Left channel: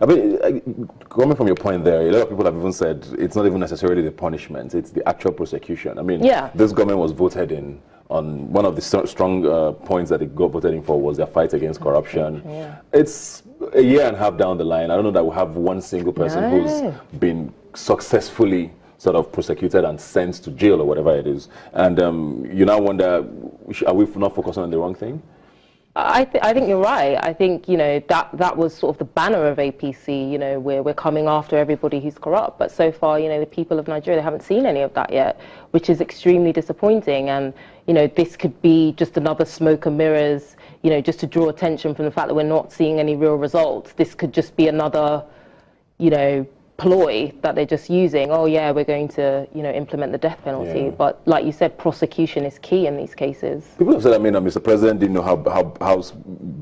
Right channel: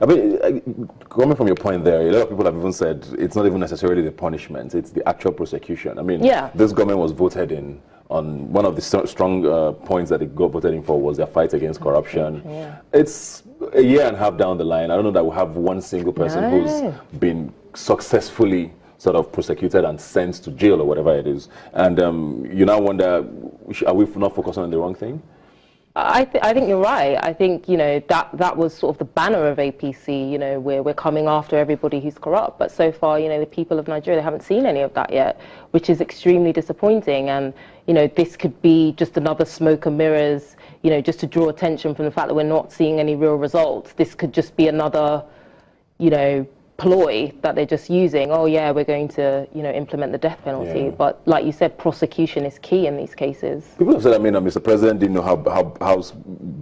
I mean, coming from your point there, a lot of people have even said it's not even necessarily the punishment, it's the actual prosecution. I mean, this government was voted in on one of the strong points that it got voted in for was their fight against corruption. It's a year and a half down the line. I don't know that we'll have one single person who's been successfully sort of prosecuted and sent to jail or whatever it is. And you now wonder, are we not focusing on the wrong thing? I think you're right. I think, you know, that was sort of the banner of APC, you know, we're coming after everybody who's corrupt. But so far, you know, the people of Nigeria, they haven't seen any of that yet, which is extremely disappointing. And, you know, this could be just another smoke and mirrors, you know, just to draw attention from the fact that we're not seeing any real results. This could just be another, you know, ploy that they're just using. Oh yeah, we're going to, you know, implement the death penalty. But like you said, prosecution is key in these cases. People have said, I mean, Mr. President didn't know how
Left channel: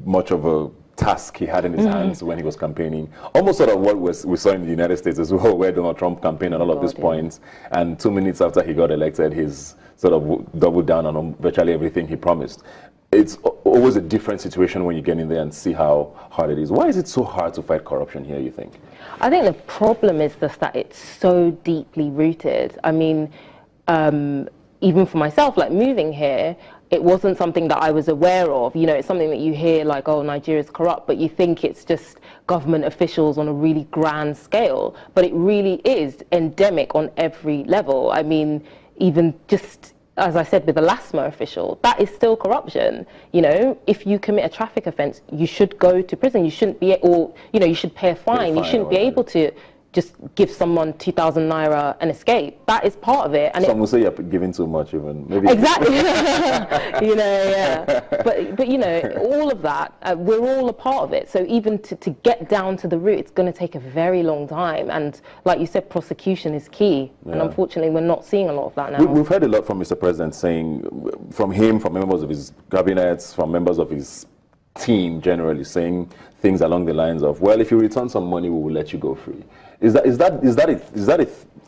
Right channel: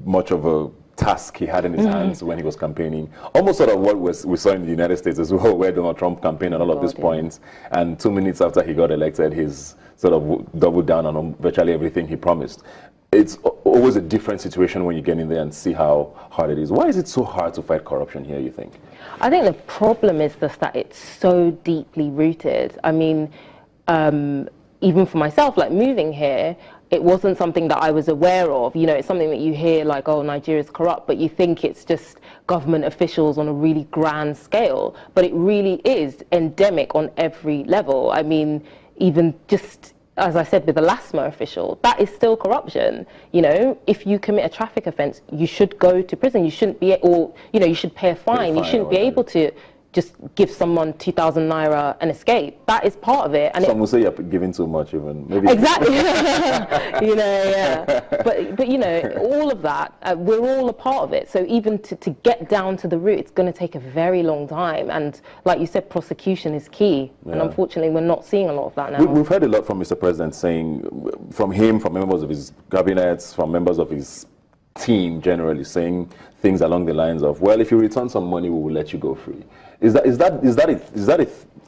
much of a task he had in his hands when he was campaigning. Almost sort of what we saw in the United States as well, where Donald Trump campaigned on all of these points, and 2 minutes after he got elected, he's sort of doubled down on virtually everything he promised. It's always a different situation when you get in there and see how hard it is. Why is it so hard to fight corruption here, you think? I think the problem is just that it's so deeply rooted. I mean, even for myself, like moving here, it wasn't something that I was aware of. You know, it's something that you hear like, oh, Nigeria's corrupt, but you think it's just government officials on a really grand scale. But it really is endemic on every level. I mean, even just, as I said, with the LASMA official, that is still corruption. You know, if you commit a traffic offence, you should go to prison. You shouldn't be, or, you know, you should pay a fine. You shouldn't be able to just give someone 2,000 naira and escape. That is part of it. And some will say you're giving too much, even. Maybe. Exactly. You know, But, you know, all of that, we're all a part of it. So even to get down to the root, it's going to take a very long time. And like you said, prosecution is key. And unfortunately, we're not seeing a lot of that now. We've heard a lot from Mr. President saying, from him, from members of his cabinets, from members of his team generally, saying things along the lines of, well, if you return some money, we will let you go free. Is that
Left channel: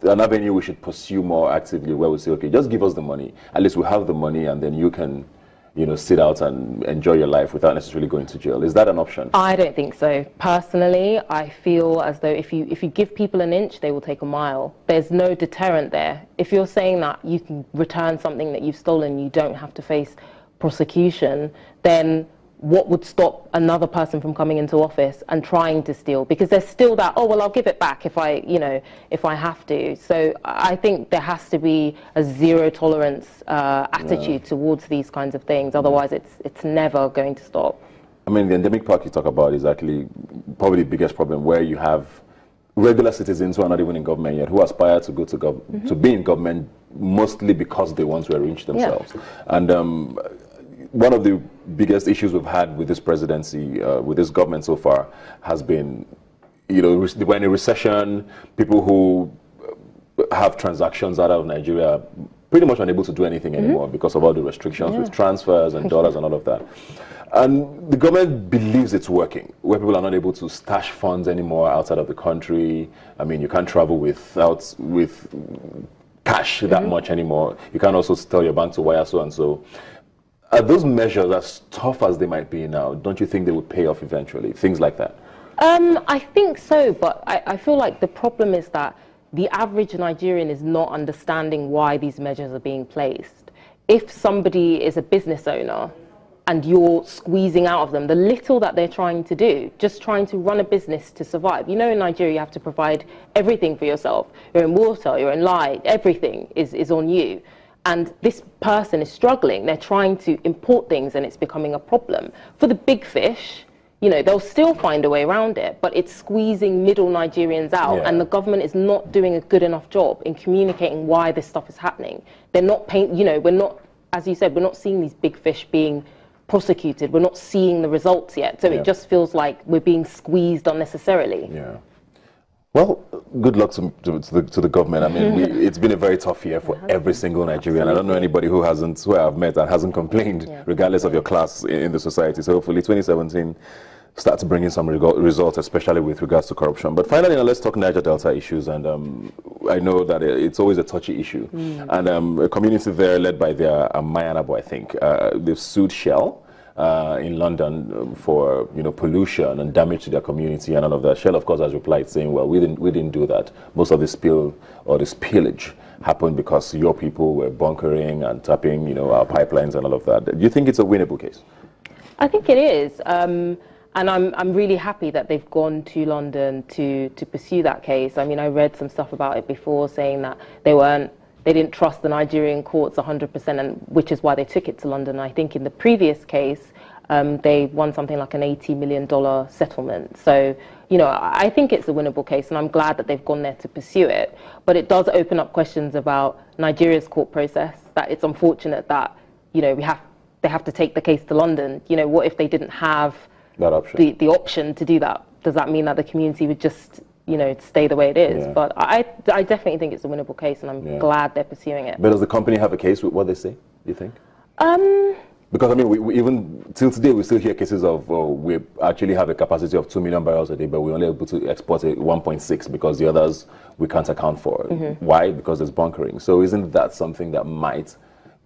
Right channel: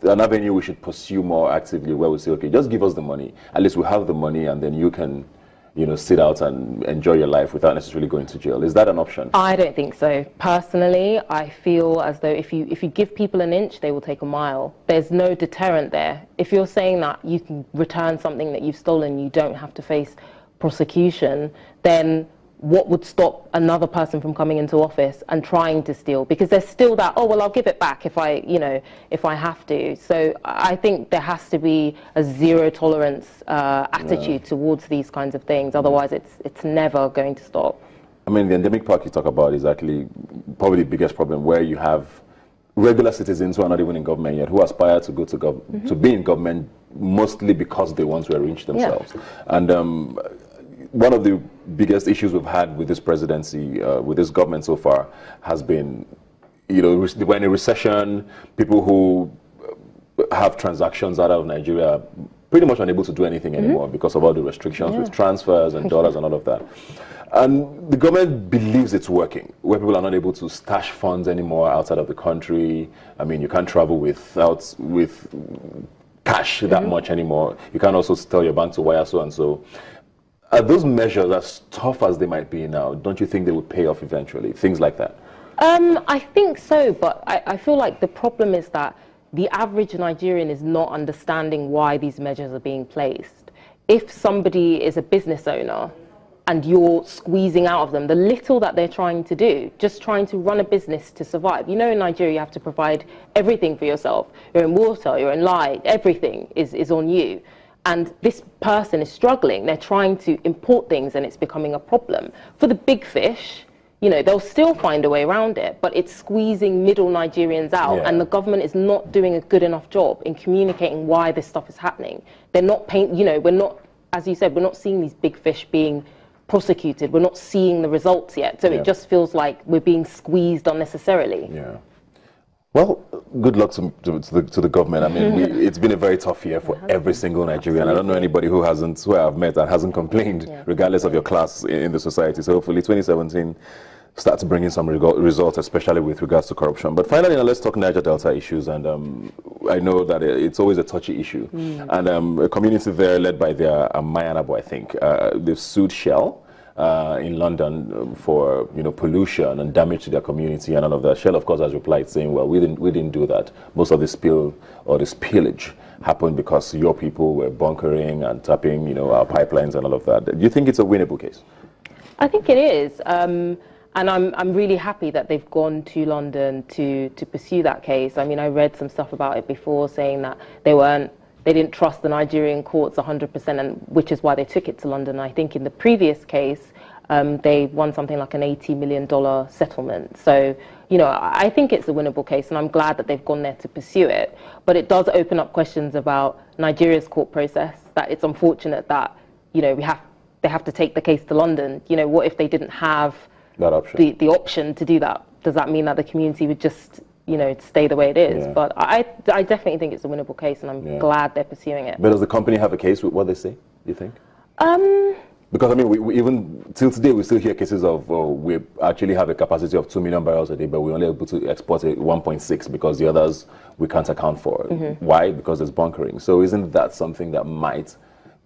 an avenue we should pursue more actively, where we say, okay, just give us the money. At least we have the money, and then you can, you know, sit out and enjoy your life without necessarily going to jail. Is that an option? I don't think so. Personally, I feel as though if you give people an inch, they will take a mile. There's no deterrent there. If you're saying that you can return something that you've stolen, you don't have to face prosecution, then what would stop another person from coming into office and trying to steal? Because there's still that, oh, well, I'll give it back if I, you know, if I have to. So I think there has to be a zero tolerance attitude towards these kinds of things. Otherwise, it's never going to stop. I mean, the endemic part you talk about is actually probably the biggest problem, where you have regular citizens who are not even in government yet, who aspire to go to be in government mostly because they want to enrich themselves. And one of the biggest issues we've had with this presidency, with this government so far, has been, you know, we're in a recession. People who have transactions out of Nigeria are pretty much unable to do anything anymore because of all the restrictions with transfers and dollars and all of that. And the government believes it's working, where people are not able to stash funds anymore outside of the country. I mean, you can't travel with cash that much anymore. You can't also tell your bank to wire so and so. Are those measures, as tough as they might be now, don't you think they would pay off eventually? Things like that? I think so, but I feel like the problem is that the average Nigerian is not understanding why these measures are being placed. If somebody is a business owner and you're squeezing out of them the little that they're trying to do, just trying to run a business to survive. You know, in Nigeria, you have to provide everything for yourself. Your own water, your own light, everything is on you. And this person is struggling. They're trying to import things and it's becoming a problem. For the big fish, you know, they'll still find a way around it, but it's squeezing middle Nigerians out. And the government is not doing a good enough job in communicating why this stuff is happening. They're not you know, we're not, as you said, we're not seeing these big fish being prosecuted. We're not seeing the results yet. So it just feels like we're being squeezed unnecessarily. Well, good luck to the government. I mean, it's been a very tough year for every single Nigerian. I don't know anybody who I've met and hasn't complained, regardless of your class in the society. So hopefully 2017 starts bringing some results, especially with regards to corruption. But finally, now let's talk Niger Delta issues. And I know that it's always a touchy issue. And a community there led by their Mayanabo, I think, they've sued Shell. in London for pollution and damage to their community and all of that. Shell, of course, has replied saying, well, we didn't do that. Most of the spill or the spillage happened because your people were bunkering and tapping our pipelines and all of that. Do you think it's a winnable case? I think it is. And I'm really happy that they've gone to London to pursue that case. I mean, I read some stuff about it before saying that they didn't trust the Nigerian courts 100%, and which is why they took it to London. I think in the previous case, they won something like an $80 million settlement. So, I think it's a winnable case, and I'm glad that they've gone there to pursue it. But it does open up questions about Nigeria's court process, that it's unfortunate that, they have to take the case to London. What if they didn't have that option. The option to do that? Does that mean that the community would just stay the way it is? Yeah. But I definitely think it's a winnable case, and I'm glad they're pursuing it. But does the company have a case with what they say, do you think? Because, I mean, we even till today, we still hear cases of we actually have a capacity of 2 million barrels a day, but we're only able to export 1.6 because the others we can't account for. Mm-hmm. Why? Because there's bunkering. So isn't that something that might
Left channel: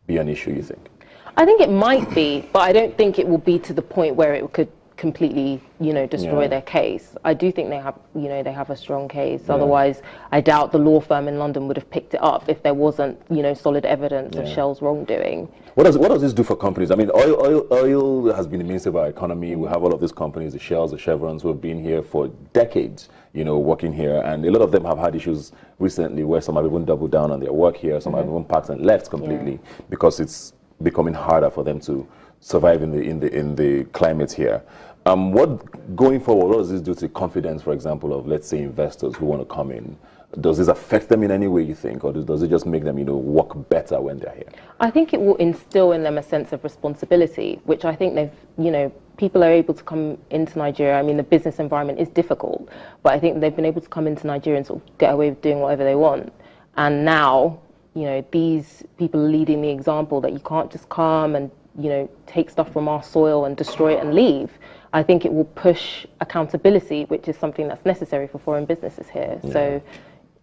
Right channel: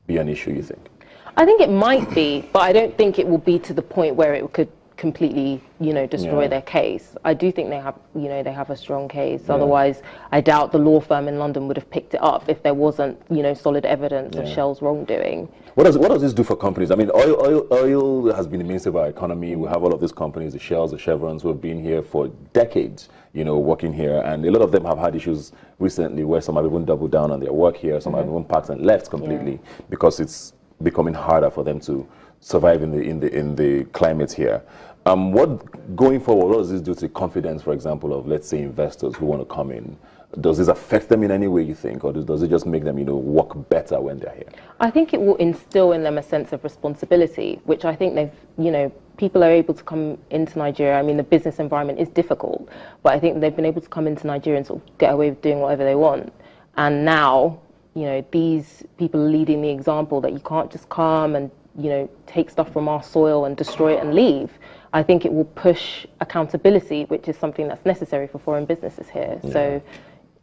be an issue, you think? I think it might be, but I don't think it will be to the point where it could completely, destroy their case. I do think they have a strong case. Yeah. Otherwise, I doubt the law firm in London would have picked it up if there wasn't, solid evidence of Shell's wrongdoing. What does this do for companies? I mean, oil has been the mainstay of our economy. We have all of these companies, the Shells, the Chevrons, who have been here for decades, working here, and a lot of them have had issues recently where some have even doubled down on their work here, some have even packed and left completely because it's becoming harder for them to survive in the climate here. What going forward, what does this do to confidence, for example, of, let's say, investors who want to come in? Does this affect them in any way, you think, or does it just make them, work better when they're here? I think it will instill in them a sense of responsibility, which I think people are able to come into Nigeria. I mean, the business environment is difficult, but I think they've been able to come into Nigeria and sort of get away with doing whatever they want. And now, these people are leading the example that you can't just come and, take stuff from our soil and destroy it and leave. I think it will push accountability, which is something that's necessary for foreign businesses here. Yeah. So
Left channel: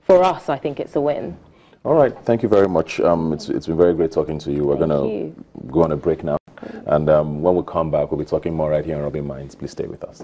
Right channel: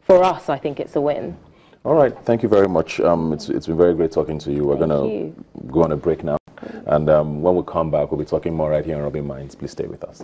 for us, I think it's a win. All right. Thank you very much. It's been very great talking to you. We're going to go on a break now. And when we come back, we'll be talking more right here on Rubbin Minds. Please stay with us.